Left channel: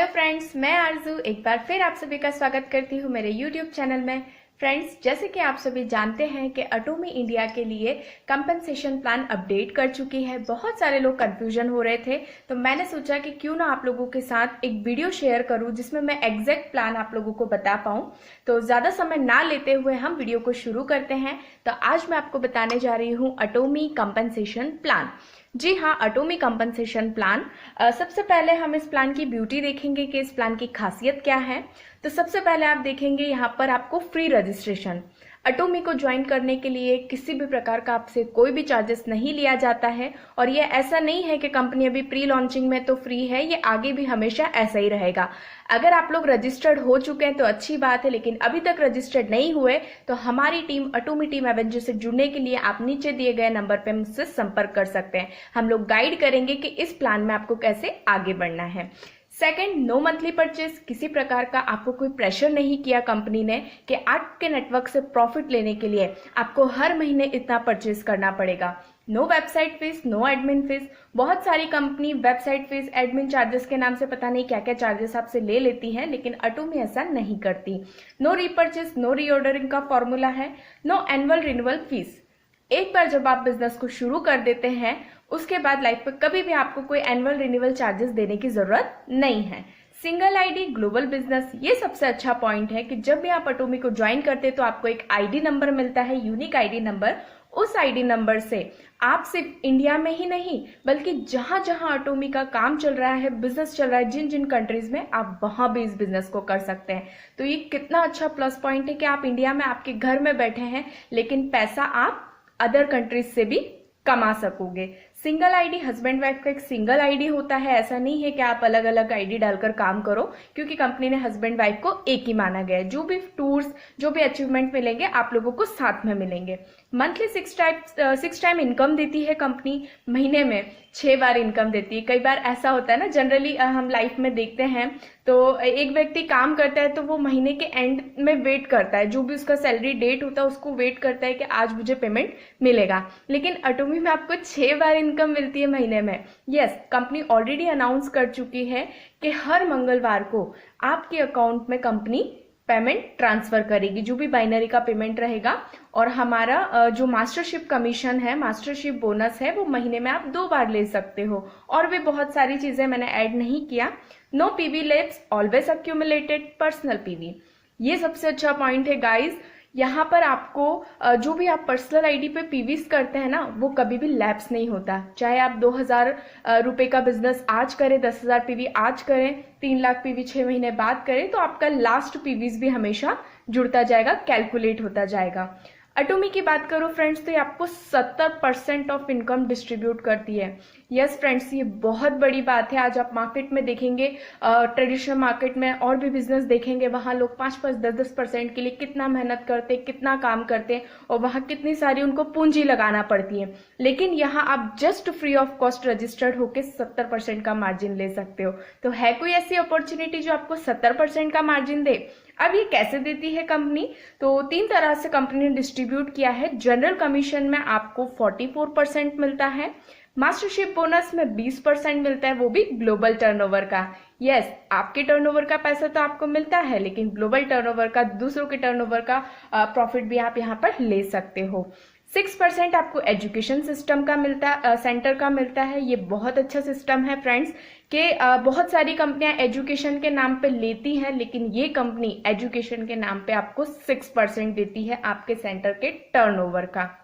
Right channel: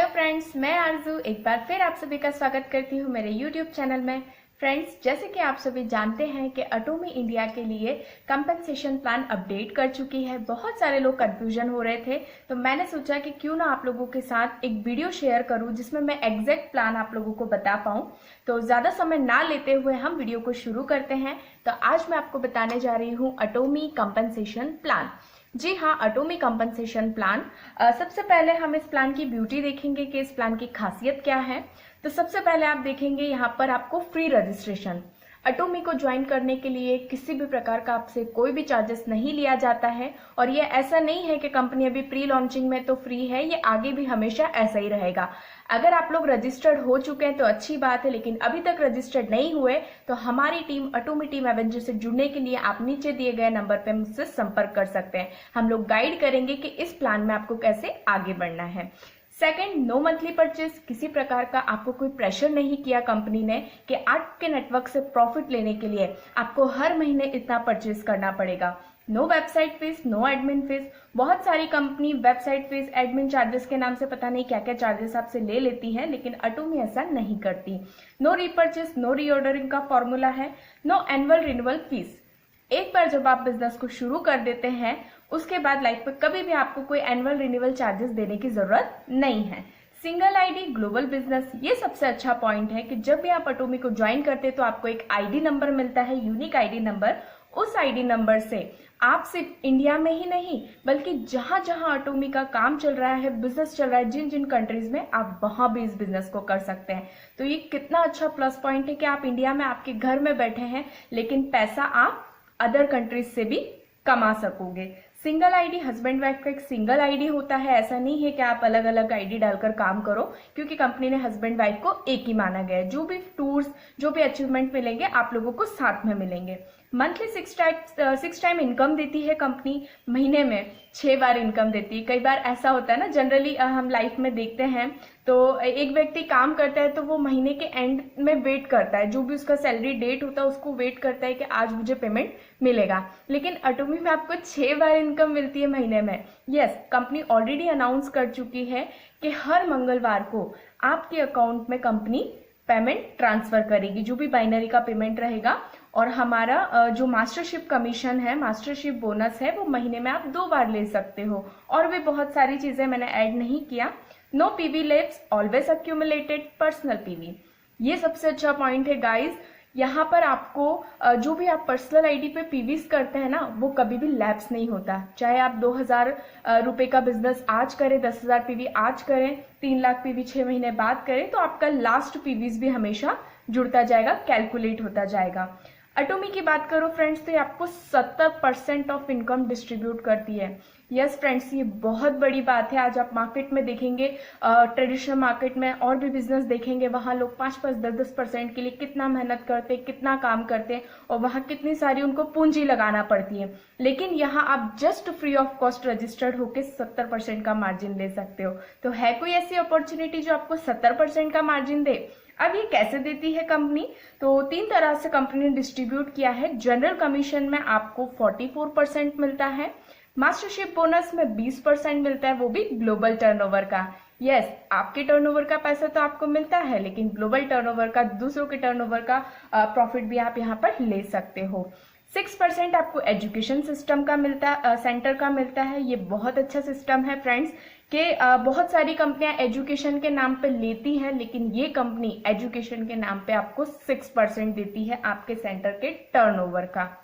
Hello friends, मैं आरजू एक बार फिर आप सभी का स्वागत करती हूँ मेरे यूट्यूब चैनल में। फ्रेंड्स, जैसे कि आप सभी जानते हैं कि अटोमी इंडिया के लिए कंपनसेशन प्लान अपडेट कर चुकी है। बहुत सारे लोग कंफ्यूजन हो रहे थे, तो मैंने सोचा कि क्यों ना आप लोगों के साथ एक वीडियो शेयर करूं जिसमें मैं एग्जैक्ट प्लान आप लोगों को बता पाऊं। तो ज्यादा समय ना लेते हुए हम वीडियो को शुरू करते हैं। तो आज मैं आपको बताने जा रही हूँ अटोमी कंपनसेशन प्लान। जी हाँ, अटोमी कंपनसेशन प्लान। सबसे पहले हम इस प्लान की ब्यूटी देखेंगे कि इस प्लान की खासियत क्या है। तो सबसे पहले आप देखेंगे यहाँ पर आपको फ्री रजिस्ट्रेशन। अटोमी को ज्वाइन करने के लिए किसी भी प्रकार का आपसे कोई भी चार्जेस नहीं लिया जाता है, और ये ऐसा नहीं है कि कंपनी अभी प्री लॉन्चिंग में तो फ्री है, ये आगे भी हमेशा ऐसा ही रहेगा। अगर आप लोग रजिस्टर्ड हो चुके हैं तो अच्छी बात है, लेकिन अभी तक रजिस्टर्ड नहीं हुए तो हमारी टीम अटोमी टीम एवेंजर से जुड़ने के लिए आप नीचे दिए गए नंबर पर मुझसे संपर्क कर सकते हैं। हम लोग गाइड करेंगे कि इस प्लान में आपको कैसे आगे बढ़ना है। Second, no monthly purchase. किसी प्रकार का आपको कोई प्रेशर नहीं किया कंपनी ने कि आपके नेटवर्क से प्रॉफिट लेने के लिए आपको हर महीने इतना परचेज करना पड़ेगा। No website fees, no admin fees. बहुत सारी company website fees, admin charges के नाम से पता नहीं क्या क्या चार्जेस आपसे ले लेती है, लेकिन अटोमी ऐसा नहीं करती। नो रीपर्चेज, नो रीऑर्डरिंग का फॉर्मूला है। No annual renewal fees. एक बार जब आप बिजनेस को शुरू कर देते हैं उसके बाद लाइफ में कभी भी आपको कोई एनुअल रिन्यूअल चार्जेस देने की जरूरत नहीं है। सिंगल आईडी, ग्लोबल बिजनेस, ये सबसे अच्छा पॉइंट है कि जब भी आप अटोमी को ज्वाइन करते हैं तो आपको एक आईडी नंबर मिलता है, यूनिक आईडी नंबर। उस आईडी नंबर से आप सिर्फ इंडिया में ही नहीं बल्कि जहां जहां अटोमी का काम चल रहा है, बिजनेस चल रहा है, जिन जिन कंट्रीज में, आप वहां भी इस बिजनेस को कर सकते हैं। तो ये कितना अच्छा प्लस पॉइंट है कि आप इंडिया में आपके घर में बैठे हैं, लेकिन पैसा आप अदर कंट्रीज से भी कमा सकोगे। सिंगल आईडी, हस्बैंड वाइफ का एक सिंगल आईडी होता है। ऐसा नहीं है कि आप अलग अलग आईडी डालकर काम करो, क्योंकि कंपनी ने हस्बैंड वाइफ को एक ही माना गया है। जो भी टूर्स, जो भी अचीवमेंट मिलेंगे आप लोगों को साथ में मिलेंगे। मंथली 6 टाइम इनकम देती है कंपनी, महीने में 6 बार इनकम देती है। कई बार ऐसा होता है ना, जनरली हम लाइफ में देखते हैं तो एक व्यक्ति काम करता है तो वो महीने के एंड में वेट करता है, जो भी उसका सैलरी डेट होता है उसको वेट करता है कि आज मुझे पेमेंट मिलेगा। लेकिन अटोमी में आपको 6 बार इनकम मिलती है महीने में। यस, कंपनी ऑलरेडी अनाउंस कर चुकी है कि हर मंगलवार को आपके अकाउंट में कंपनी पेमेंट ट्रांसफर करेगी, जो भी बाइनरी का पेमेंट रहेगा। और हमारा जो मास्टरशिप कमीशन है, मास्टरशिप बोनस है, वो महीने में आप 2 बार ले सकते हो। और भी बहुत सारी चीजें मैंने ऐड नहीं किया। No PV lapse, always accumulated personal PV. ये सबसे अच्छा पॉइंट है गाइज। यहाँ पर आपको जो भी आप पर्सनल आईडी पे पीवीज करते हैं ना, वो कभी भी लैप्स नहीं होता। चाहे आप 2000 रुपए का बिजनेस आज करें, 10,000 पीवी आज करें, 3 लाख पीवी 6 महीने बाद करें, तो आपका लास्ट पीवीज भी हमेशा जुड़ता जाएगा, कैलकुलेट होता जाएगा। अटोमी की बात करो फ्रेंड्स, तो ये आपको 70% ऑफ इनकम डिस्ट्रीब्यूट करती है। यस फ्रेंड्स, ये बहुत बड़ी बात है। आज आप मार्केट में देखेंगे, ट्रेडिशनल मार्केट में और भी बिजनेस देखेंगे, वहां लोग 5-5, 10-10% के लिए कितना मेहनत करते, कितना काम करते, और वहां कितनी सारी उनको पूंजी लगाना पड़ती है। लेकिन यहाँ आप just free of cost registered होकर 70% का मार्जिन ले सकते हो। तो है कोई ऐसी अपॉर्चुनिटी जो आपको 70% का मार्जिन दे? अब ये कैसे देती है कंपनी? तो 3 तरह से कंपनी ने डिस्ट्रीब्यूट किया है। जनरल कमीशन में आपको 44% मिलता है, मास्टरशिप बोनस में 20% मिलता है, वो भी ग्लोबल टर्नओवर का। यस, आपके टर्नओवर का पैसा तो आपको मिलता है, लेकिन ग्लोबल टर्नओवर का, दूसरों के टर्नओवर का प्रॉफिट भी आप यहाँ पर ले सकते हो। 6% आपको एजुकेशन सिस्टम का मिलता, सेंटर का मिलता है। ये बहुत अच्छा सिस्टम है फ्रेंड्स, कि बहुत सारी कंपनियां एजुकेशन के नाम पे लेती हैं, लेकिन ये कंपनी एजुकेशन के नाम पे आपको 6% देती है आपके सेंटर के टर्नओवर का।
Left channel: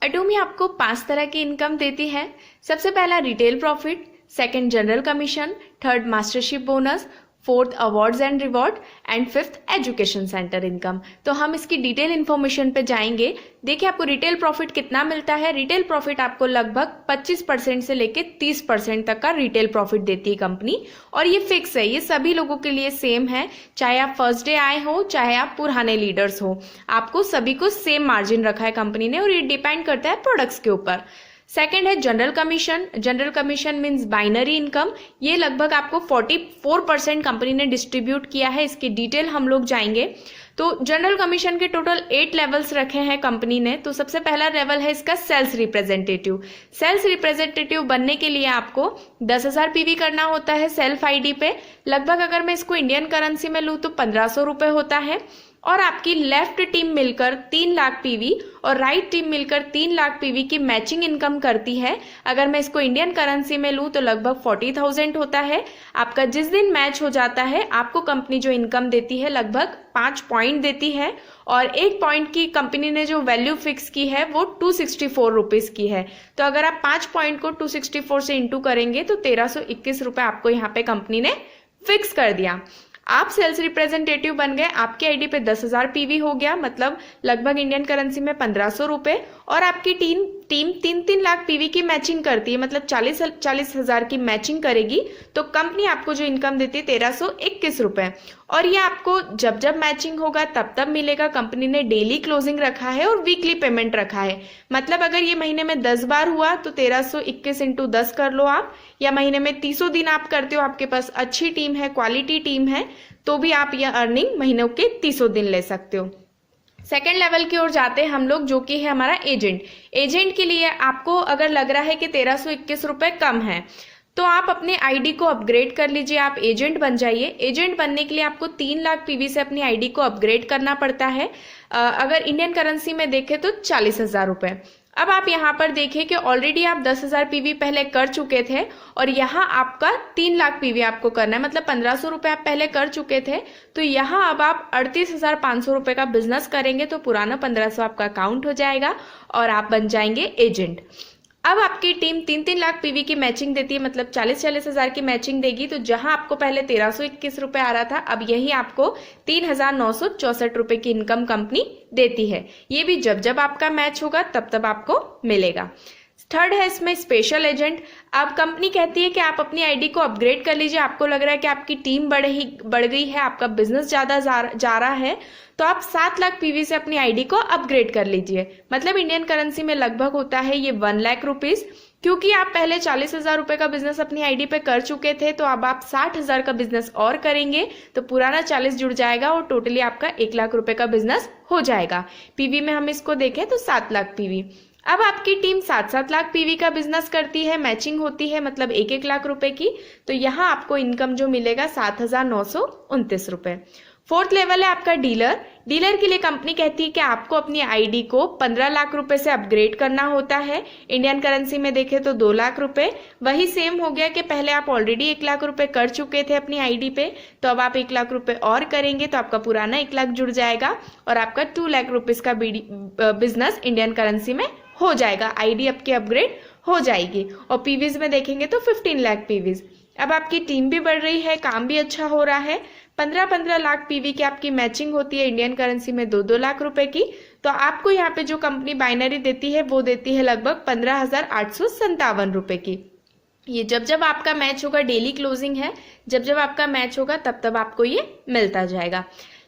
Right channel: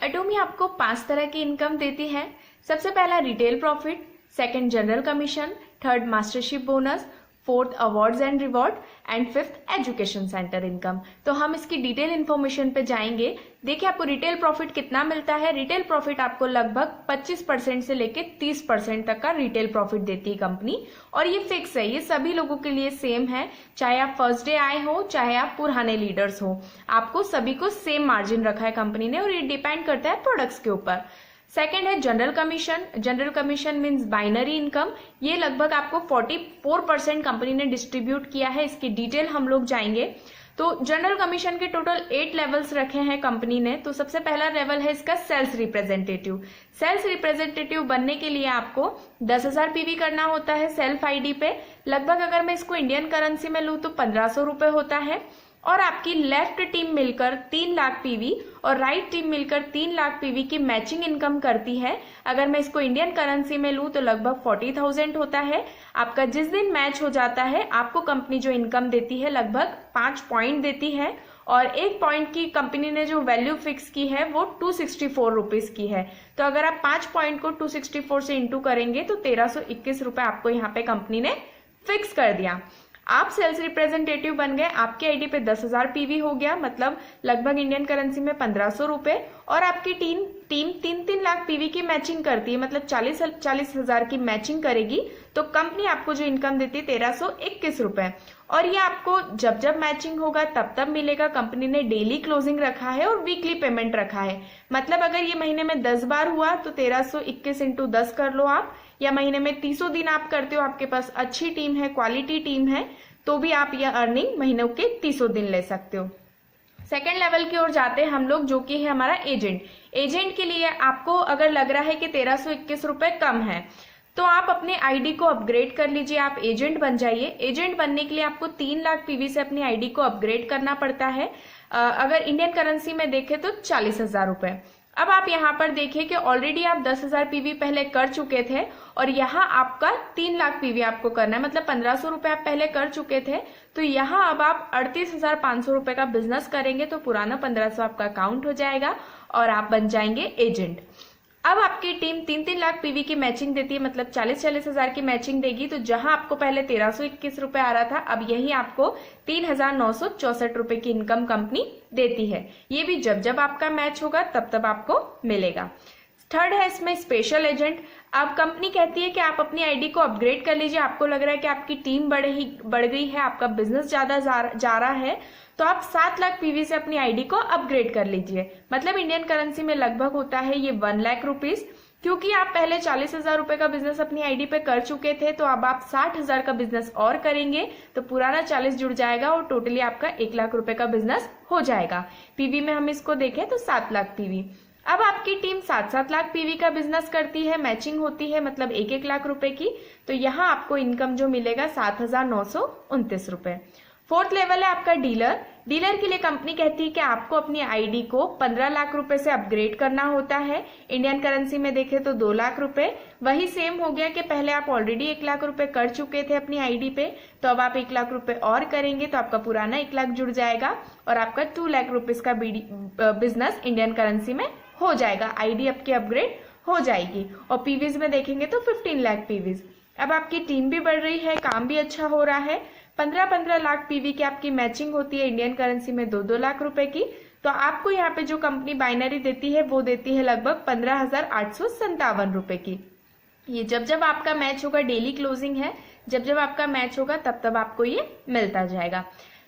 अटोमी आपको 5 तरह की इनकम देती है। सबसे पहला retail profit, second general commission, third mastership bonus, fourth awards and reward, and fifth education centre income. तो हम इसकी डिटेल इन्फॉर्मेशन पे जाएंगे। देखिए, आपको रिटेल प्रॉफिट कितना मिलता है। रिटेल प्रॉफिट आपको लगभग 25% से लेके 30% तक का रिटेल प्रॉफिट देती है कंपनी, और ये फिक्स है, ये सभी लोगों के लिए सेम है। चाहे आप फर्स्ट डे आए हो, चाहे आप पुराने लीडर्स हो, आपको सभी को सेम मार्जिन रखा है कंपनी ने, और ये डिपेंड करता है प्रोडक्ट्स के ऊपर। सेकेंड है general commission. General commission means binary income. ये लगभग आपको 44% कंपनी ने डिस्ट्रीब्यूट किया है। इसकी डिटेल हम लोग जाएंगे। तो जनरल कमीशन के टोटल 8 लेवल्स रखे हैं कंपनी ने। तो सबसे पहला लेवल है इसका सेल्स रिप्रेजेंटेटिव। सेल्स रिप्रेजेंटेटिव बनने के लिए आपको 10,000 पीवी करना होता है सेल्फ आईडी पे। लगभग अगर मैं इसको इंडियन करेंसी में लूँ तो 1,500 रुपये होता है। और आपकी लेफ्ट टीम मिलकर 3 लाख पीवी और राइट टीम मिलकर 3 लाख पीवी की मैचिंग इनकम करती है। अगर मैं इसको इंडियन करेंसी में लूँ तो लगभग 40,000 होता है। आपका जिस दिन मैच हो जाता है आपको कंपनी जो इनकम देती है लगभग 5 पॉइंट देती है। और 1 पॉइंट की कंपनी ने जो वैल्यू फिक्स की है वो 264 रुपीज की है। तो अगर आप 5 पॉइंट को 264 से इंटू करेंगे तो 1,321 रुपए आपको यहाँ पे कंपनी ने फिक्स कर दिया। आप सेल्स रिप्रेजेंटेटिव बन गए, आपके आईडी पे 10,000 पीवी हो गया, मतलब लगभग इंडियन करेंसी में 1,500 रुपए। और आपकी टीम 3-3 लाख पीवी की मैचिंग करती है, मतलब 40,000 की मैचिंग करेगी। तो कंपनी आपको जो इनकम देती है 1,321 रुपए। और ये आपको जब जब मैचिंग होगा तब तब मिलेगा। कंपनी ने डेली क्लोजिंग रखा है और वीकली पेमेंट रखा है। मतलब अगर ये महीने में 10 बार हुआ तो 1,321 इंटू 10 कर लो आप, या महीने में 30 दिन आप करते हो, आपके पास अच्छी टीम है, क्वालिटी टीम है, तो भी आप यह अर्निंग महीनों के 30 दिन ले सकते हो। सेकेंड लेवल की ओर जाते हैं हम लोग, जो कि है हमारा एजेंट। एजेंट के लिए आपको अगर लग रहा है कि 1,321 रुपए कम है तो आप अपने आईडी को अपग्रेड कर लीजिए, आप एजेंट बन जाइए। एजेंट बनने के लिए आपको 3 लाख पीवी से अपनी आईडी को अपग्रेड करना पड़ता है। अगर इंडियन करेंसी में देखें तो 40,000 रुपए। अब आप यहाँ पर देखिए कि ऑलरेडी आप 10,000 पीवी पहले कर चुके थे और यहाँ आपका 3 लाख पीवी आपको करना है, मतलब 1,500 रुपए आप पहले कर चुके थे। तो यहाँ अब आप 38,500 रुपए का बिजनेस करेंगे तो पुराना 1,500 आपका काउंट हो जाएगा और आप बन जाएंगे एजेंट। अब आपकी टीम 3-3 लाख पीवी की मैचिंग देती है, मतलब 40,000 की मैचिंग देगी। तो जहां आपको पहले 1,321 रुपए आ रहा था, अब यही आपको 3,964 रुपए की इनकम कंपनी देती है। ये भी जब जब आपका मैच होगा तब तब आपको मिलेगा। थर्ड है इसमें स्पेशल एजेंट। अब कंपनी कहती है कि आप अपनी आईडी को अपग्रेड कर लीजिए, आपको लग रहा है कि आपकी टीम बढ़ गई है, आपका बिजनेस ज्यादा जा रहा है, तो आप 7 लाख पीवी से अपनी आईडी को अपग्रेड कर लीजिए। मतलब इंडियन करेंसी में लगभग होता है ये 1 लाख रुपीज। क्योंकि आप पहले 40,000 रुपए का बिजनेस अपनी आईडी पे कर चुके थे, तो अब आप 60,000 का बिजनेस और करेंगे तो पुराना 40 जुड़ जाएगा और टोटली आपका 1 लाख रुपए का बिजनेस हो जाएगा। पीवी में हम इसको देखें तो 7 लाख पीवी। अब आपकी टीम 7-7 लाख पीवी का बिजनेस करती है, मैचिंग होती है, मतलब 1-1 लाख रुपए की। तो यहाँ आपको इनकम जो मिलेगा 7,929 रुपए। फोर्थ लेवल है आपका डीलर। डीलर के लिए कंपनी कहती है कि आपको अपनी आईडी को 15 लाख रुपए से अपग्रेड करना होता है। इंडियन करेंसी में देखें तो 2 लाख रुपए। वही सेम हो गया कि पहले आप ऑलरेडी 1 लाख रुपए कर चुके थे अपनी आईडी पे, तो अब आप 1 लाख रुपए और करेंगे तो आपका पुराना 1 लाख जुड़ जाएगा और आपका 2 लाख रुपीज का बिजनेस इंडियन करेंसी में हो जाएगा। आईडी आपकी अपग्रेड हो जाएगी। और पीवीज में देखेंगे तो 15 लाख पीवीज। अब आपकी टीम भी बढ़ रही है, काम भी अच्छा हो रहा है। 15-15 लाख पीवी की आपकी मैचिंग होती है इंडियन करेंसी में 2-2 लाख रुपए की। तो आपको यहाँ पे जो कंपनी बाइनरी देती है वो देती है लगभग 15,857 रुपए की। ये जब जब आपका मैच होगा, डेली क्लोजिंग है, जब जब आपका मैच होगा तब तब आपको ये मिलता जाएगा।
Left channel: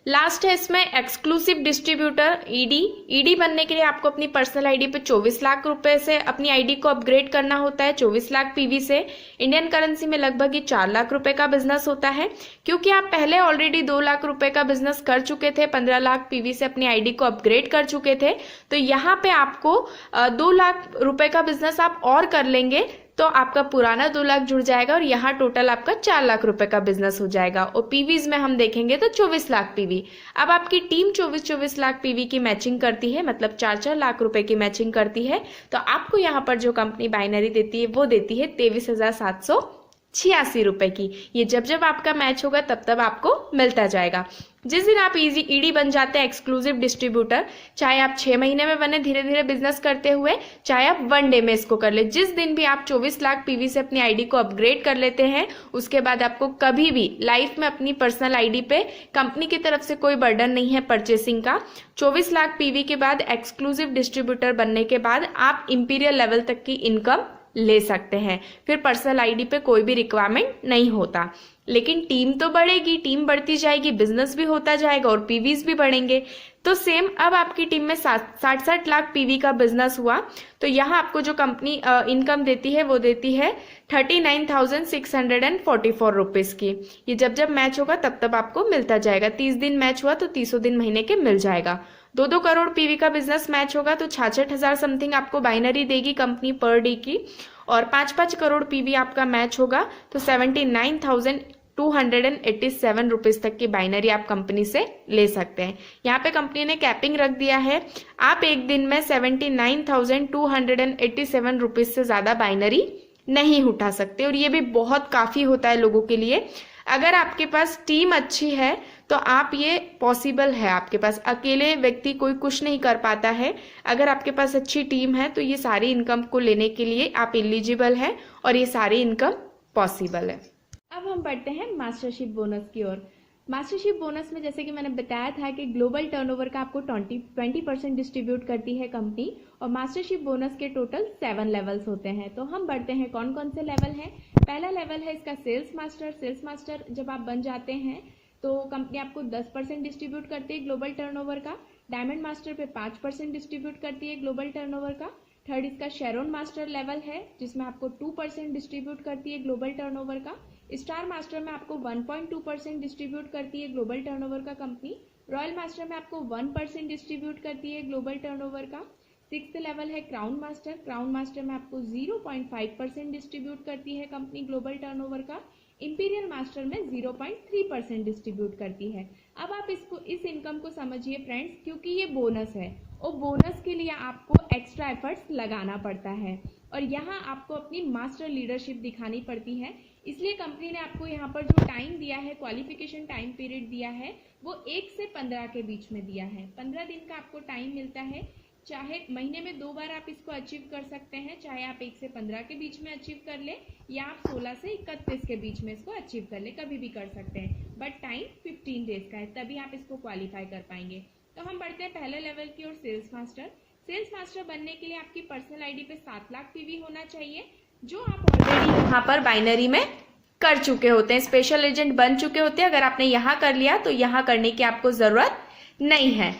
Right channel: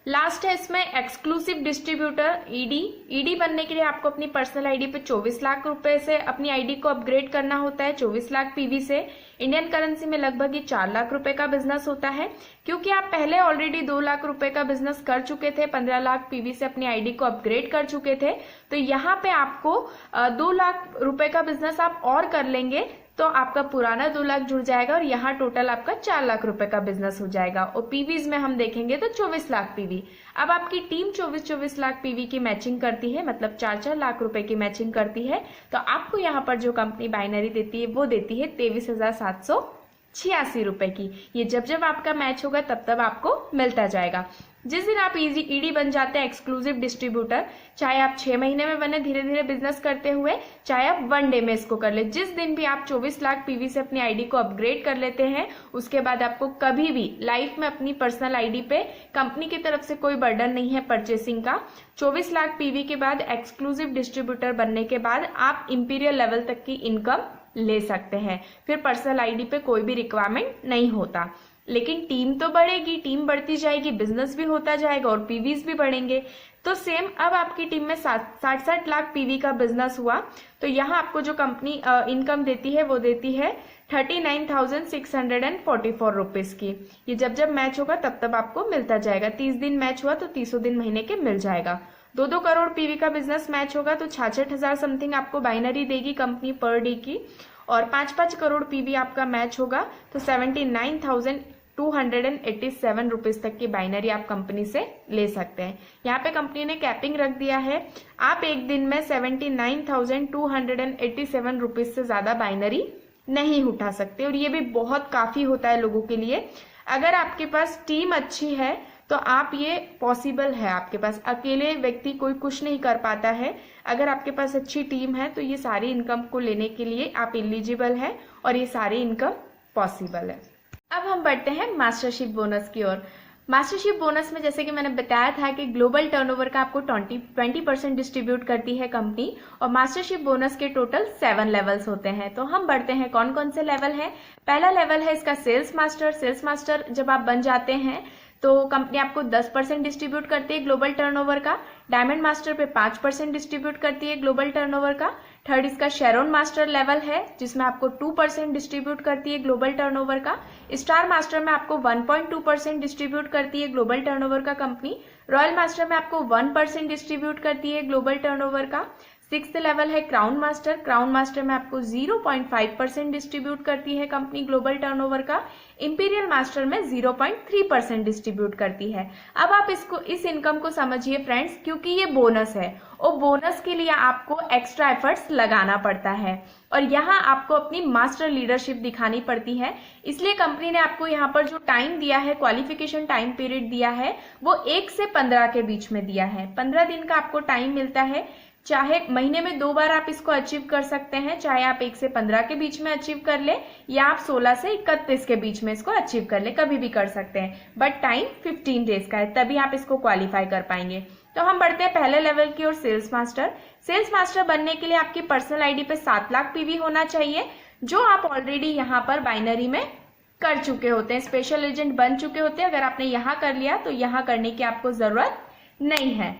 लास्ट है इसमें एक्सक्लूसिव डिस्ट्रीब्यूटर ईडी। ईडी बनने के लिए आपको अपनी पर्सनल आईडी पे 24 लाख रुपए से अपनी आईडी को अपग्रेड करना होता है, 24 लाख पीवी से। इंडियन करेंसी में लगभग ये 4 लाख रुपए का बिजनेस होता है। क्योंकि आप पहले ऑलरेडी 2 लाख रुपए का बिजनेस कर चुके थे, 15 लाख पीवी से अपनी आईडी को अपग्रेड कर चुके थे, तो यहाँ पे आपको 2 लाख रुपए का बिजनेस आप और कर लेंगे तो आपका पुराना 2 लाख जुड़ जाएगा और यहाँ टोटल आपका 4 लाख रुपए का बिजनेस हो जाएगा। और पीवीज में हम देखेंगे तो 24 लाख पीवी। अब आपकी टीम 24 लाख पीवी की मैचिंग करती है, मतलब 4 लाख रुपए की मैचिंग करती है। तो आपको यहाँ पर जो कंपनी बाइनरी देती है वो देती है 23,786 रुपए की। ये जब जब आपका मैच होगा तब तब आपको मिलता जाएगा। जिस दिन आप ईडी बन जाते हैं एक्सक्लूसिव डिस्ट्रीब्यूटर, चाहे आप 6 महीने में बने धीरे धीरे बिजनेस करते हुए, चाहे आप 1 डे में इसको कर ले, जिस दिन भी आप 24 लाख पीवी से अपनी आईडी को अपग्रेड कर लेते हैं, उसके बाद आपको कभी भी लाइफ में अपनी पर्सनल आईडी पे कंपनी की तरफ से कोई बर्डन नहीं है परचेसिंग का। 24 लाख पीवी के बाद एक्सक्लूसिव डिस्ट्रीब्यूटर बनने के बाद आप इंपीरियल लेवल तक की इनकम ले सकते हैं। फिर पर्सनल आईडी पे कोई भी रिक्वायरमेंट नहीं होता। लेकिन टीम तो बढ़ेगी, टीम बढ़ती जाएगी, बिजनेस भी होता जाएगा और पीवीज भी बढ़ेंगे। तो सेम अब आपकी टीम में 60 लाख पीवी का बिजनेस हुआ तो यहाँ आपको जो कंपनी इनकम देती है वो देती है 39,644 रुपीज की। ये जब जब मैच होगा तब तब आपको मिलता जाएगा। 30 दिन मैच हुआ तो 30 दिन महीने के मिल जाएगा। 2-2 करोड़ पीवी का बिजनेस मैच होगा तो 66,000 समथिंग आपको बाइनरी देगी कंपनी पर डे की। और 5-5 करोड़ पीवी आपका मैच होगा तो 79,287 रुपीज तक की बाइनरी आप कंपनी से ले सकते हैं। यहाँ पे कंपनी ने कैपिंग रख दिया है, आप एक दिन में 79,287 रुपीज से ज्यादा बाइनरी नहीं उठा सकते। और ये भी बहुत काफी होता है लोगों के लिए। अगर आपके पास टीम अच्छी है तो आप ये पॉसिबल है, आपके पास अकेले व्यक्ति कोई कुछ नहीं कर पाता है। अगर आपके पास अच्छी टीम है तो ये सारी इनकम को लेने के लिए आप एलिजिबल है और ये सारी इनकम पॉसिबल है। अब हम बढ़ते हैं मास्टरशिप बोनस की ओर। मास्टरशिप बोनस में जैसे कि मैंने बताया था कि ग्लोबल टर्नओवर का आपको 20% डिस्ट्रीब्यूट करती है कंपनी और मास्टरशिप बोनस के टोटल 7 लेवल्स होते हैं। तो हम बढ़ते हैं कौन कौन से लेवल हैं। पहला लेवल है इसका सेल्स मास्टर। सेल्स मास्टर जब आप बन जाते हैं तो कंपनी आपको 10% डिस्ट्रीब्यूट करती है ग्लोबल टर्नओवर का। डायमंड मास्टर पे 5% डिस्ट्रीब्यूट करती है ग्लोबल टर्नओवर का। थर्ड इसका शेरोन मास्टर लेवल है जिसमें आपको 2% डिस्ट्रीब्यूट करती है ग्लोबल टर्नओवर का। स्टार मास्टर में आपको 1.2% डिस्ट्रीब्यूट करती है ग्लोबल टर्नओवर का कंपनी। रॉयल मास्टर में आपको 1% डिस्ट्रीब्यूट करती है ग्लोबल टर्नओवर का। 6th लेवल है क्राउन मास्टर। क्राउन मास्टर में आपको 0.5% डिस्ट्रीब्यूट करती है कंपनी ग्लोबल टर्नओवर का। इंपीरियल मास्टर में 0.3% डिस्ट्रीब्यूट करती है। अब आप इस इनकम को समझिए फ्रेंड्स, क्योंकि ये बोनस है और बोनस के लिए आपको एक्स्ट्रा एफर्ट्स लगाना पड़ता है और यहाँ आपको अपनी मास्टर लीडरशिप दिखानी पड़ती है। इसलिए कंपनी ने आपको यहाँ पर जो टाइम दिया है, क्वालिफिकेशन टाइम पीरियड दिया है, वो 1 से 15 के बीच में दिया है। 15 दिन का आपको टाइम मिलता है। चाहे महीने में 2 बार आप इसको अचीव कर सकते हैं, चाहे आप 1 से 15 के बीच में अचीव कर ले या आप 16 से 31 के बीच में इसको अचीव कर ले, कभी भी कर सकते हैं। बट टाइम 15 डेज का है, तभी आप इसको क्वालिफाई कर पाएंगे। तो हम बढ़ते हैं पहले लेवल की ओर, सेल्स मास्टर। सेल्स मास्टर बनने के लिए आपकी पर्सनल आईडी पे 7 लाख पीवी होना चाहिए, जो आप ऑलरेडी यहाँ पर बाइनरी में कर चुके होते हैं, स्पेशल एजेंट बन चुके होते हैं। अगर आपने यहाँ कर लिया तो यहाँ करने की आपको जरूरत नहीं है।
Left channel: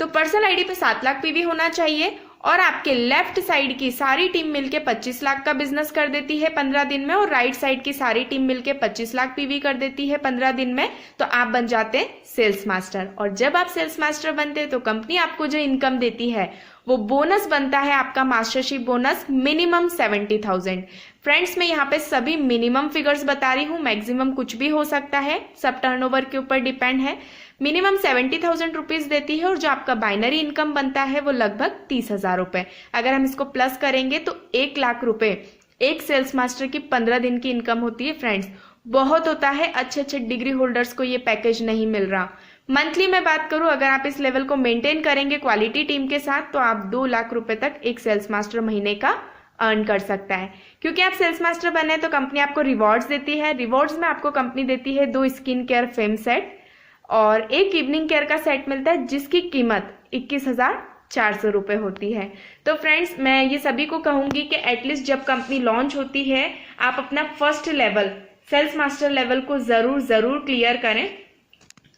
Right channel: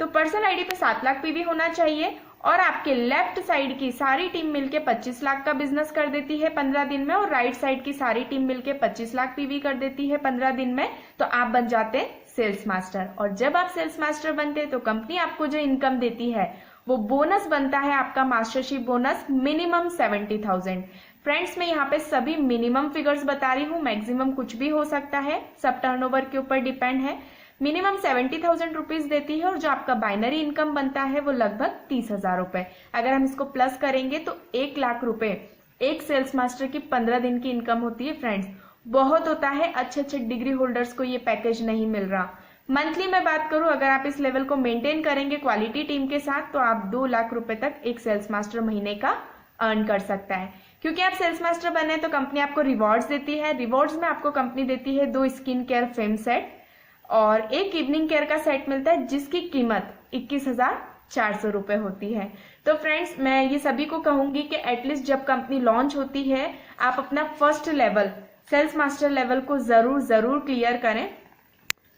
तो पर्सनल आईडी पे 7 लाख पीवी होना चाहिए और आपके लेफ्ट साइड की सारी टीम मिलके 25 लाख का बिजनेस कर देती है 15 दिन में और राइट साइड की सारी टीम मिलके 25 लाख पीवी कर देती है 15 दिन में। तो आप बन जाते हैं सेल्स मास्टर। और जब आप सेल्स मास्टर बनते हैं तो कंपनी आपको जो इनकम देती है वो बोनस बनता है आपका मास्टरशिप बोनस मिनिमम 70,000। फ्रेंड्स मैं यहाँ पे सभी मिनिमम फिगर्स बता रही हूँ, मैक्सिमम कुछ भी हो सकता है, सब टर्नओवर के ऊपर डिपेंड है। मिनिमम 70,000 रुपीज देती है और जो आपका बाइनरी इनकम बनता है वो लगभग 30,000 रुपए। अगर हम इसको प्लस करेंगे तो 1 लाख रुपए एक सेल्स मास्टर की 15 दिन की इनकम होती है। फ्रेंड्स बहुत होता है, अच्छे अच्छे डिग्री होल्डर्स को ये पैकेज नहीं मिल रहा। मंथली में बात करूं, अगर आप इस लेवल को मेंटेन करेंगे क्वालिटी टीम के साथ तो आप 2 लाख रुपए तक एक सेल्स मास्टर महीने का अर्न कर सकता है। क्योंकि आप सेल्स मास्टर बने तो कंपनी आपको रिवॉर्ड्स देती है। रिवॉर्ड्स में आपको कंपनी देती है 2 स्किन केयर फेम सेट और 1 इवनिंग केयर का सेट मिलता है जिसकी कीमत 21,400 रुपए होती है। तो फ्रेंड्स मैं ये सभी को कहूंगी कि एटलीस्ट जब कंपनी लॉन्च होती है आप अपना first level sales master level को जरूर क्लियर करें।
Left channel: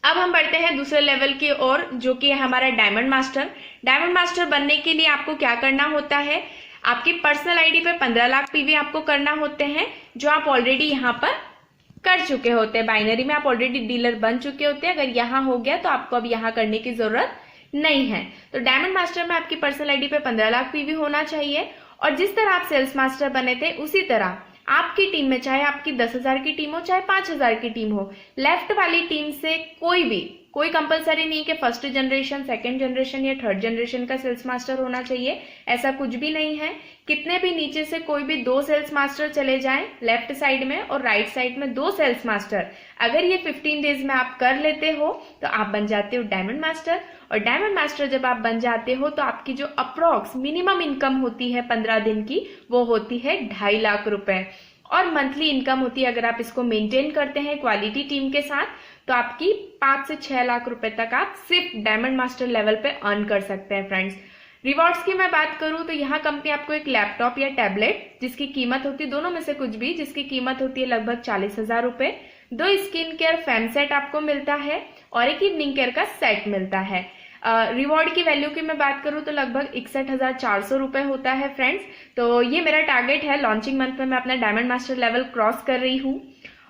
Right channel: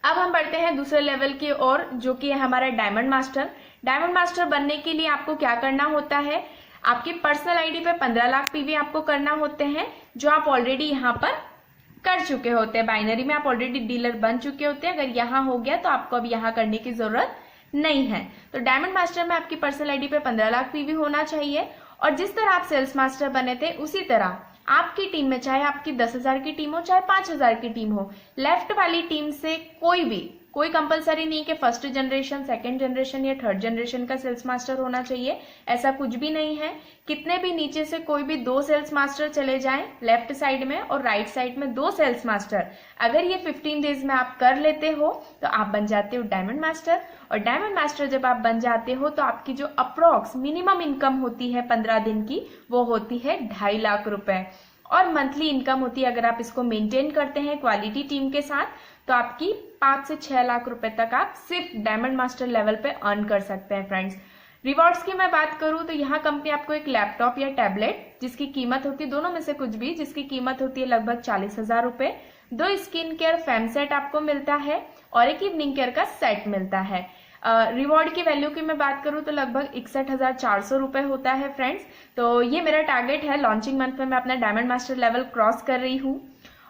अब हम बढ़ते हैं दूसरे लेवल की ओर, जो कि है हमारा डायमंड मास्टर। डायमंड मास्टर बनने के लिए आपको क्या करना होता है, आपकी पर्सनल आईडी पे 15 लाख पीवी आपको करना होते हैं, जो आप ऑलरेडी यहाँ पर कर चुके होते हैं। बाइनरी में आप ऑलरेडी डीलर बन चुके होते हैं। अगर यहाँ हो गया तो आपको अब यहाँ करने की जरूरत नहीं है। तो डायमंड मास्टर में आपकी पर्सनल आईडी पे 15 लाख पीवी होना चाहिए और जिस तरह आप सेल्स मास्टर बने थे उसी तरह आपकी टीम में, चाहे आपकी 10,000 की टीम हो चाहे 5,000 की टीम हो, लेफ्ट वाली टीम से कोई कंपलसरी नहीं कि फर्स्ट जनरेशन, सेकंड जनरेशन या थर्ड जनरेशन का सेल्स मास्टर होना चाहिए, ऐसा कुछ भी नहीं है। कितने भी नीचे से कोई भी 2 सेल्स मास्टर चले जाएं लेफ्ट साइड में और राइट साइड में 2 सेल्स मास्टर, अगर ये 15 डेज में आप कर लेते हो तो आप बन जाते हो डायमंड मास्टर। और डायमंड मास्टर जब आप बन जाते हो तो आपकी जो अप्रोक्स मिनिमम इनकम होती है 15 दिन की वो होती है 2.5 लाख रुपए और मंथली इनकम होती है, अगर आप इसको मेंटेन करते हैं क्वालिटी टीम के साथ, तो आपकी 5 से 6 लाख रुपए तक आप सिर्फ डायमंड मास्टर लेवल पे अर्न कर सकते हैं। फ्रेंड्स रिवॉर्ड्स की मैं बात करूं तो यहाँ कंपनी आपको एक लैपटॉप या टैबलेट जिसकी कीमत होती है, दोनों में से कुछ भी, जिसकी कीमत होती है लगभग 40,000 रुपए, 2 स्किन केयर फैन सेट आपको मिलता है और एक इवनिंग केयर का सेट मिलता है। रिवॉर्ड की वैल्यू की मैं बात करूं तो लगभग 61,400 रुपए होता है फ्रेंड्स। तो ये मेरा टारगेट है, लॉन्चिंग मंथ में मैं अपना डायमंड मास्टर लेवल क्रॉस कर रही हूँ।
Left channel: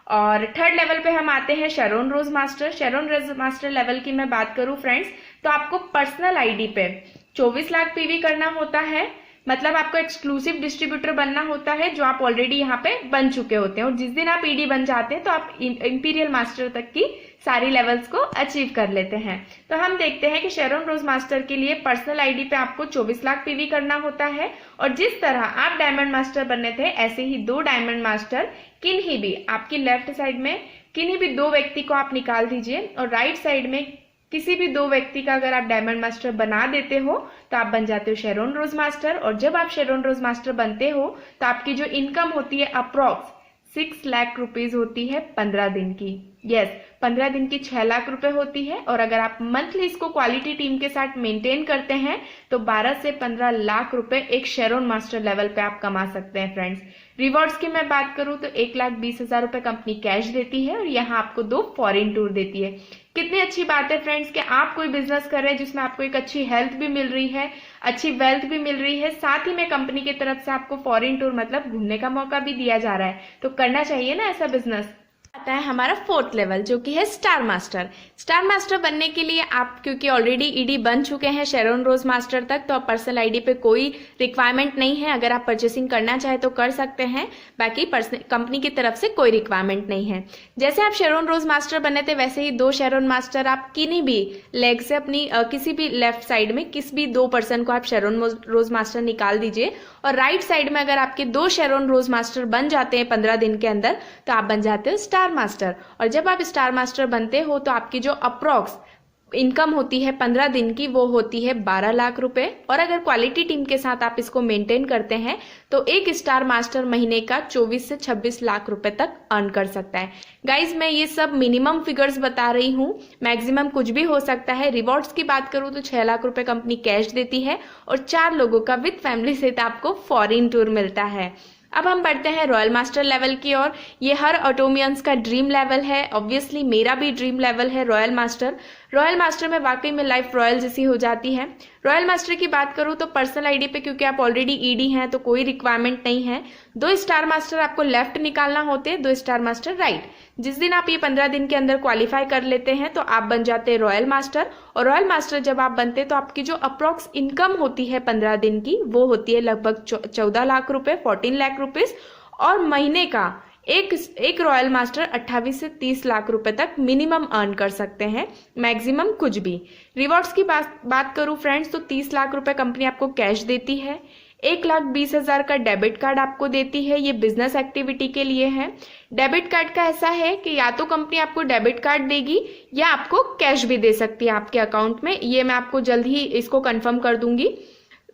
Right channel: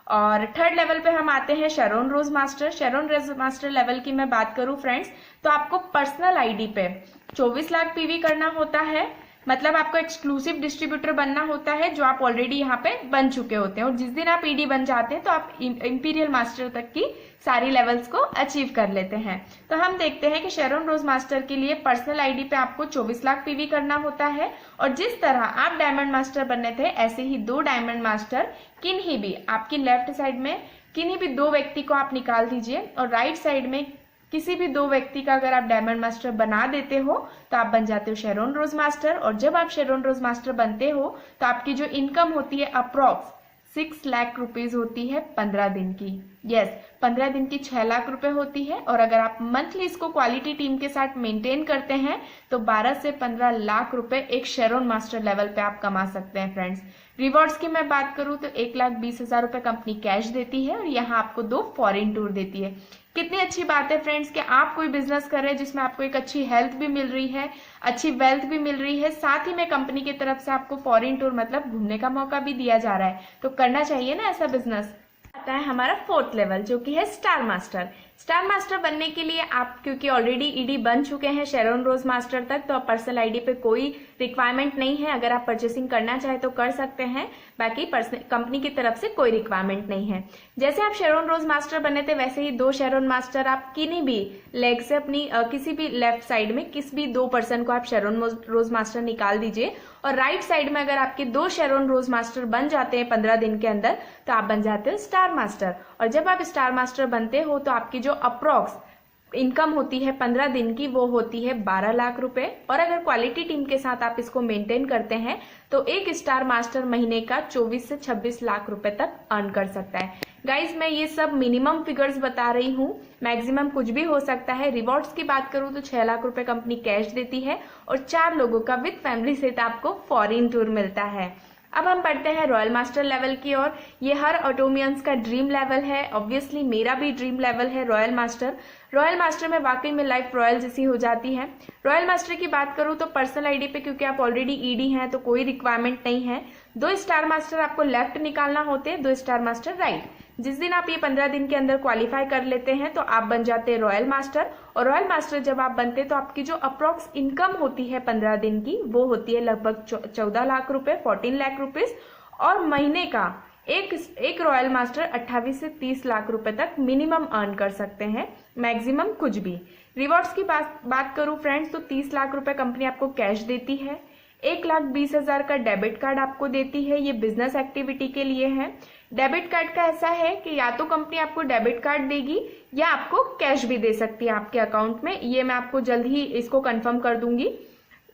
और थर्ड लेवल पे हम आते हैं शेरोन रोज मास्टर। शेरोन रोज मास्टर लेवल की मैं बात करूं फ्रेंड्स तो आपको पर्सनल आईडी पे 24 लाख पीवी करना होता है, मतलब आपको एक्सक्लूसिव डिस्ट्रीब्यूटर बनना होता है जो आप ऑलरेडी यहाँ पे बन चुके होते हैं। और जिस दिन आप ईडी बन जाते हैं तो आप इंपीरियल मास्टर तक की सारी लेवल्स को अचीव कर लेते हैं। तो हम देखते हैं कि शेरोन रोज मास्टर के लिए पर्सनल आईडी पे आपको 24 लाख पीवी करना होता है। और जिस तरह आप डायमंड मास्टर बनने थे ऐसे ही 2 डायमंड मास्टर किन्हीं भी आपकी लेफ्ट साइड में किन्हीं भी 2 व्यक्ति को आप निकाल दीजिए और राइट साइड में किसी भी 2 व्यक्ति का अगर आप डायमंड मास्टर बना देते हो तो आप बन जाते हो शेरोन रोज मास्टर। और जब आप शेरोन रोज मास्टर बनते हो तो आपकी जो इनकम होती है अप्रॉक्स 6 लाख रुपीज होती है 15 दिन की। यस, 15 दिन की 6 लाख रुपए होती है। और अगर आप मंथली इसको क्वालिटी टीम के साथ मेंटेन करते हैं तो 12 से 15 लाख रुपए एक शेरोन मास्टर लेवल पे आप कमा सकते हैं फ्रेंड्स। रिवॉर्ड्स की मैं बात करूं तो 1,20,000 रुपए कंपनी कैश देती है और यहाँ आपको 2 फॉरेन टूर देती है। कितनी अच्छी बात है फ्रेंड्स कि आप कोई बिजनेस कर रहे हैं जिसमें आपको एक अच्छी हेल्थ भी मिल रही है, अच्छी वेल्थ भी मिल रही है, साथ ही में कंपनी की तरफ से आपको फॉरेन टूर मतलब घूमने का मौका भी दिया जा रहा है। तो करना चाहिए ना ऐसा बिजनेस। आता है हमारा 4th लेवल जो कि है स्टार मास्टर। स्टार मास्टर बनने के लिए आप क्योंकि ऑलरेडी ईडी बन चुके हैं शेरोन रोज मास्टर तक, तो आप पर्सनल आईडी पे कोई रिक्वायरमेंट नहीं है। अगर आप परचेसिंग करना चाहे तो कर सकते हैं, बाकी कंपनी की तरफ से कोई रिक्वायरमेंट नहीं है। जैसे आप शेरोन रोज मास्टर बने थे वैसे ही 2 शेरोन मास्टर आप किन्हीं भी लेग से अपनी किसी भी लेफ्ट साइड में किसी भी 2 पर्सन को आप शेरोन रोज मास्टर निकाल दीजिए और राइट साइड में अगर आपके 2 शेरोन रोज मास्टर बन जाते हैं 15 दिन के अंदर तो आप बन जाते हो स्टार मास्टर। और जब आप स्टार मास्टर बनते हो तो आपकी जो अप्रॉक्स इनकम होती है 15 दिन की वो होती है 12 लाख रुपए। और अगर क्वालिटी टीम के साथ आप इसको मेंटेन करते हैं तो एक स्टार मास्टर महीने का 24 से 26 लाख रुपए तक अर्न कर सकता है। गाइज मैं ये सब मिनिमम फिगर्स बता रही हूँ, मैक्सिमम कुछ भी हो सकता है। रिवॉर्ड्स की बात करूँ तो 6 लाख रुपए कंपनी कैश देती है और 4 लोगों का विद फैमिली सहित आपको फॉरेन टूर मिलता है। अब हम बढ़ते हैं रॉयल मास्टर लेवल की ओर। ये हर ऑटोमियंस का ड्रीम लेवल है, ऑब्वियसली मेरा भी ड्रीम लेवल है रॉयल मास्टर। रॉयल मास्टर में वाकई में लाइफ रॉयल जैसी हो जाती है। रॉयल मास्टर की बात करूं तो पर्सनल आईडी पे क्योंकि आप ऑलरेडी ईडी हैं तो कोई रिक्वायरमेंट नहीं है। 2 स्टार मास्टर आपको लेफ्ट निकालना होते हैं, 2 स्टार मास्टर राइट। जिस दिन आप ये 15 दिन के अंदर क्वालिफाई कर लेते हैं तो आप बन जाते हैं रॉयल मास्टर। और रॉयल मास्टर जब आप बनते हैं तो आपकी जो अप्रॉक्स इनकम होती है 15 दिन की वो होती है लगभग 14 लाख रुपए, 14 लाख रुपीज। और महीने का एक रॉयल मास्टर 28 से 30 लाख रुपए तक मिनिमम अर्न कर सकते हैं, मैक्सिमम कुछ भी। रिवॉर्ड्स की बात करूं फ्रेंड्स तो 30 लाख रुपए कंपनी आपको कैश देती है, 1,20,000 का डेबिट कार्ड आपको देती है। ये बिजनेस एक्टिविटी के लिए है। डेबिट कार्ड का ऐसा है कि या तो कंपनी आपको डेबिट कार्ड देगी या आपको कैश भी दे सकती है आपके अकाउंट में, ये मैं आपको जल्द ही इसको कंफर्म कर दूंगी।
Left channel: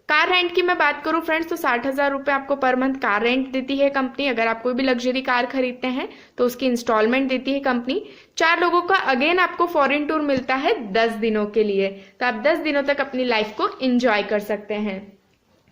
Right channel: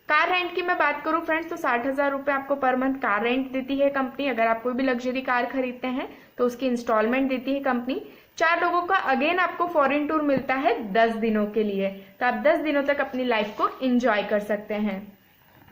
कार रेंट की मैं बात करूं फ्रेंड्स तो 60,000 रुपए आपको पर मंथ कार रेंट देती है कंपनी। अगर आप कोई भी लग्जरी कार खरीदते हैं तो उसकी इंस्टॉलमेंट देती है कंपनी। 4 लोगों का अगेन आपको फॉरेन टूर मिलता है 10 दिनों के लिए, तो आप 10 दिनों तक अपनी लाइफ को एंजॉय कर सकते हैं।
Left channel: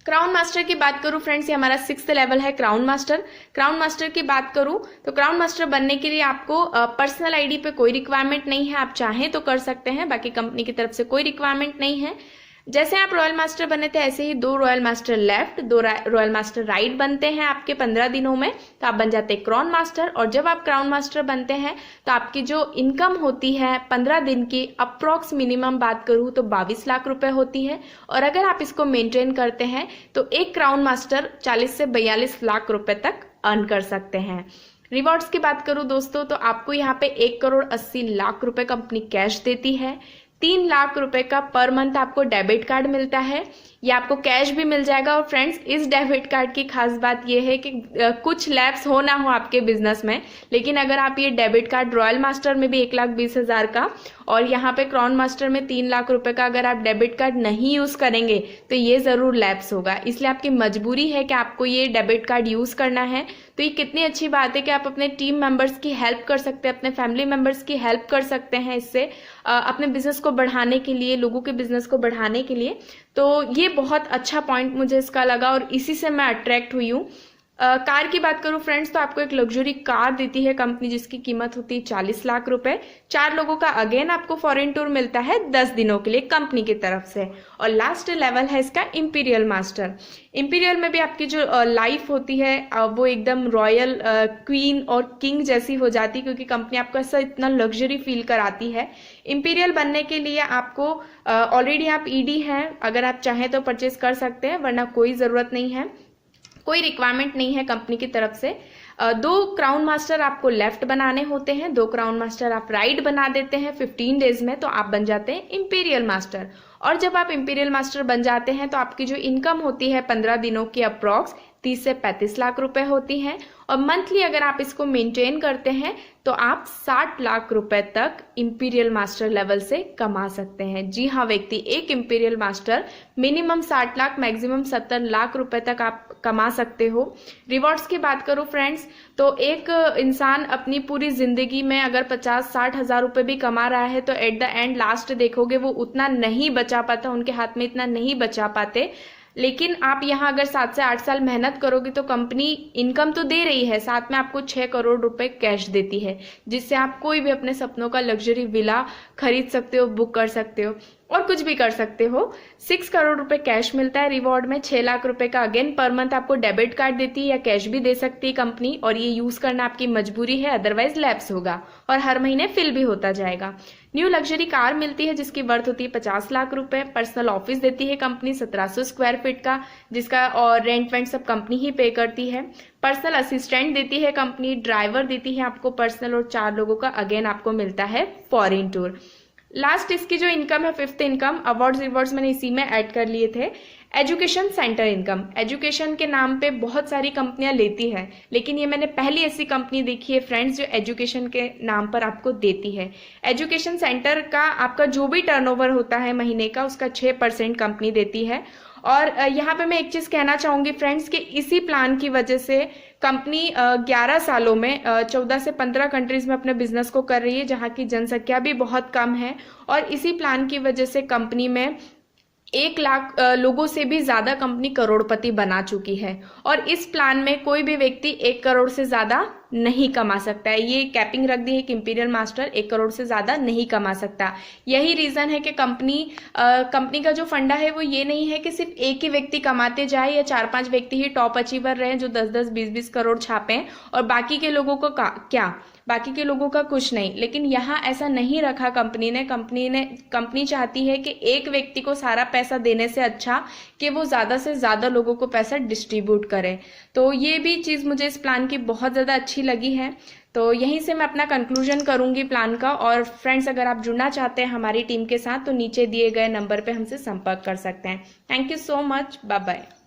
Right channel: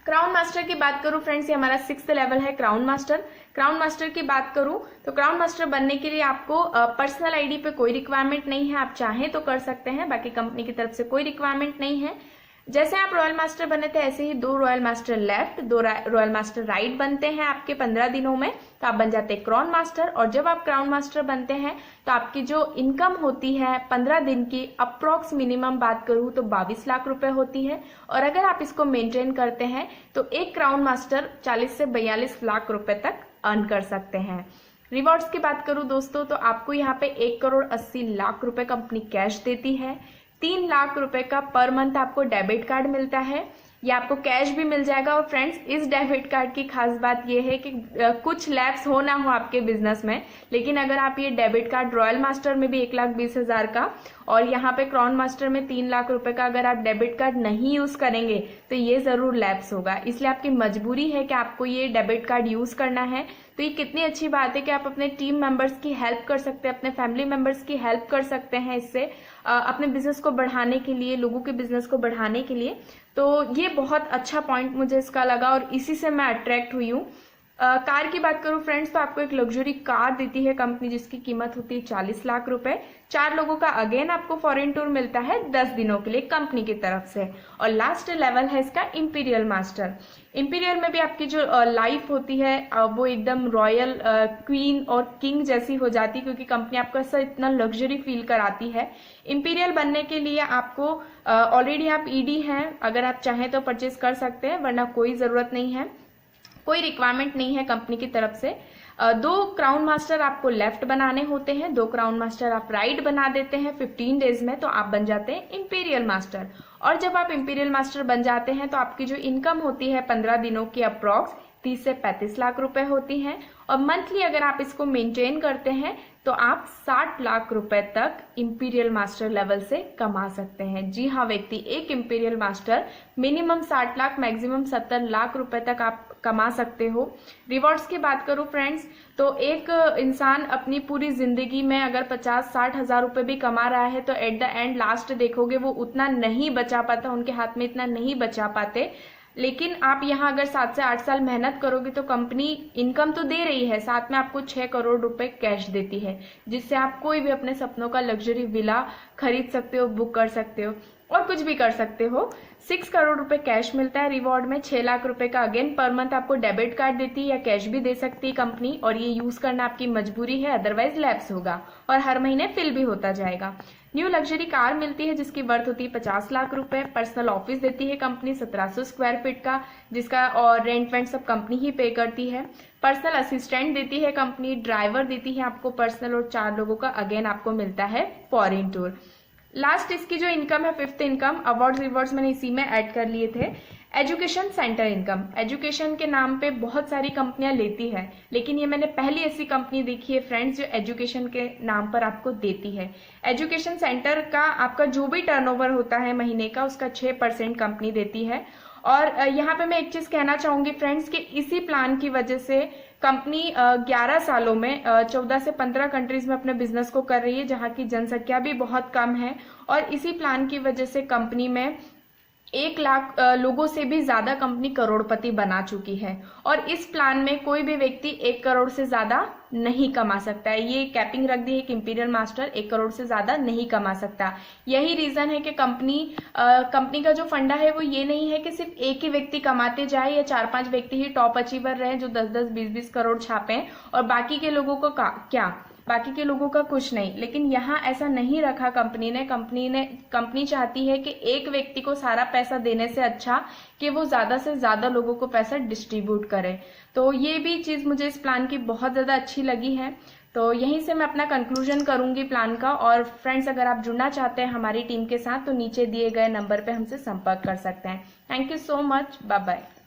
क्राउन मास्टर की बात करूं फ्रेंड्स, ये हमारा 6th लेवल है क्राउन मास्टर। क्राउन मास्टर की बात करूं तो क्राउन मास्टर बनने के लिए आपको पर्सनल आईडी पे कोई रिक्वायरमेंट नहीं है, आप चाहें तो कर सकते हैं, बाकी कंपनी की तरफ से कोई रिक्वायरमेंट नहीं है। जैसे आप रॉयल मास्टर बने थे ऐसे ही 2 royal master left, 2 royal master right बनते हैं आपके 15 दिनों में तो आप बन जाते हैं क्राउन मास्टर। और जब आप क्राउन मास्टर बनते हैं तो आपकी जो इनकम होती है 15 दिन की अप्रॉक्स मिनिमम बात करूं तो 22 लाख रुपए होती है। और अगर आप इसको मेंटेन करते हैं तो एक क्राउन मास्टर 40 से 42 लाख रुपए तक अर्न कर सकते हैं। रिवॉर्ड्स की बात करूं दोस्तों तो आपको यहाँ पे 1,80,00,000 रुपए कंपनी कैश देती है। 3 लाख रुपए का पर मंथ आपको डेबिट कार्ड मिलता है, या आपको कैश भी मिल जाएगा। और फ्रेंड्स इस डेबिट कार्ड की खास बात यह है कि कुछ लैप्स हो ना हो आपके बिजनेस में, लेकिन अगर आप ये डेबिट कार्ड रॉयल मास्टर में भी 1,20,000 का और यहाँ पे क्राउन मास्टर में 3 लाख रुपए का अगर आप डेबिट कार्ड नहीं यूज करेंगे तो ये जरूर लैप्स होगा। इसलिए आपकी मजबूरी है कि आपको ये डेबिट कार्ड यूज करना है। तो ये कितनी अच्छी बात है कि आप अपने टीम मेंबर्स की हेल्प कर सकते हैं, अपने फैमिली मेंबर्स की हेल्प कर सकते हैं इससे अपने बिजनेस को बढ़ाने के लिए, लोगों के बिजनेस को बढ़ाने के लिए। तो ये बहुत अच्छा पॉइंट मुझे इसका लगा और इसी से मैं अट्रैक्ट हुई हूँ। कार की बात करूं फ्रेंड्स, तो आपको एक लग्जरी कार देती है कंपनी जिसकी कीमत होती है 40 लाख रुपए। 4 लोगों का अगेन आपको फॉरेन टूर मिलता है 10 दिनों के लिए कंपनी की तरफ से। और लास्ट लेवल है इसका इंपीरियल मास्टर। इंपीरियल में भी आपकी जो लाइफ होती है वो एकदम रॉयल क्वीन और किंग जैसी हो जाती है, क्योंकि कंपनी आपको ऐसा इतना लग्जरी फील कराती है। इंपीरियल बनने के लिए आपको ऑलरेडी आप ईडी हैं, अगर आप चाहें तो परचेज कर सकते हैं, वरना कोई ज़रूरत नहीं है, कोई रिक्वायरमेंट नहीं है कंपनी की तरफ से। 2 क्राउन मास्टर आपको लेफ्ट बनाने होते हैं, 2 क्राउन मास्टर आप राइट बना देते हैं 15 डेज में, तो आप बन जाते हैं इंपीरियल मास्टर। और जब आप इंपीरियल मास्टर बन जाते हैं तो आपकी जो इनकम होती है 15 दिनों की अप्रॉक्स 30 से 35 लाख रुपए होती है। और मंथली अगर आप इसको मेंटेन करते हैं तो आप 60 लाख रुपए तक इंपीरियल मास्टर लेवल से कमा सकते हैं। जी हाँ व्यक्ति, एक imperial master minimum 60 lakh maximum 70 lakh रुपए तक आप कमा सकते हो। रिवॉर्ड्स की बात करूं फ्रेंड्स, तो एक इंसान अपनी पूरी जिंदगी में अगर 50-60 हजार रुपए भी कमा रहा है तो एट द एंड लास्ट देखोगे वो उतना नहीं बचा पाता, उनके हाथ में इतना नहीं बचा पाते। लेकिन आप यहाँ अगर 7 से 8 साल मेहनत करोगे तो कंपनी इनकम तो दे रही है, साथ में आपको 6 करोड़ रुपए कैश देती है, जिससे आप कोई भी अपने सपनों का लग्जरी विला खरीद सकते हो, बुक कर सकते हो और कुछ भी कर सकते हो। 6 करोड़ रुपए कैश मिलता है रिवॉर्ड में। 6 लाख रुपए का अगेन पर मंथ आपको डेबिट कार्ड देती है या कैश भी दे सकती है कंपनी, और ये यूज करना आपकी मजबूरी है, अदरवाइज लैप्स होगा और हर महीने फिल भी होता जाएगा। न्यू लग्जरी कार मिलती है जिसकी वर्थ होती है 50 लाख रुपए। पर्सनल ऑफिस देती है कंपनी 1700 स्क्वायर फीट का, जिसका और रेंट वेंट सब कंपनी ही पे करती है। पर्सनल असिस्टेंट देती है कंपनी, ड्राइवर देती है आपको पर्सनल, और 4 लोगों का अगेन आपको मिलता है फॉरेन टूर। लास्ट इसकी जो इनकम है 5th इनकम, अवार्ड्स रिवॉर्ड्स मैंने इसी में ऐड कर लिए थे। एजुकेशन सेंटर इनकम, एजुकेशन के नाम पे बहुत सारी कंपनियां लेती है, लेकिन ये मैंने पहली ऐसी कंपनी देखी है फ्रेंड्स जो एजुकेशन के नाम पर आपको देती है। एजुकेशन सेंटर का आपका जो भी टर्नओवर होता है महीने का, उसका 6% कंपनी देती है। और यहाँ पे मैं एक चीज कहना चाहूंगी फ्रेंड्स कि इसी प्लान की वजह से कंपनी 11 सालों में 14 से 15 कंट्रीज में अपने बिजनेस को कर रही है, जहाँ की जनसंख्या भी बहुत कम है। और इसी प्लान की वजह से कंपनी में 1 लाख लोगों से भी ज्यादा कंपनी करोड़पति बना चुकी है। और इस प्लान में कोई भी व्यक्ति 1 करोड़ से ज्यादा नहीं कमा सकता है। ये कैपिंग रख दी है कि इंपीरियल मास्टर 1 करोड़ से ज्यादा नहीं कमा सकता। यही रीजन है कि कंपनी का जो फंडा है वो ये नहीं है कि सिर्फ एक ही व्यक्ति कमाते जाए या 4-5 व्यक्ति ही टॉप अचीवर रहे जो 10-10, 20-20 करोड़ छापें और बाकी के लोगों को क्या, बाकी के लोगों का कुछ नहीं। लेकिन यहाँ ऐसा नहीं रखा कंपनी चाहती है कि एक व्यक्ति को सारा पैसा देने से अच्छा कि वो ज्यादा से ज्यादा लोगों को पैसा डिस्ट्रीब्यूट करे। तो ये भी चीज मुझे इस प्लान की बहुत ज्यादा अच्छी लगी है। तो यहीं से मैं अपना कंक्लूजन करूंगी प्लान का। और फ्रेंड्स, अगर आप जुड़ना चाहते हैं हमारी टीम के साथ तो नीचे दिए गए नंबर पे हमसे संपर्क कर सकते हैं। Thank you so much, bye bye.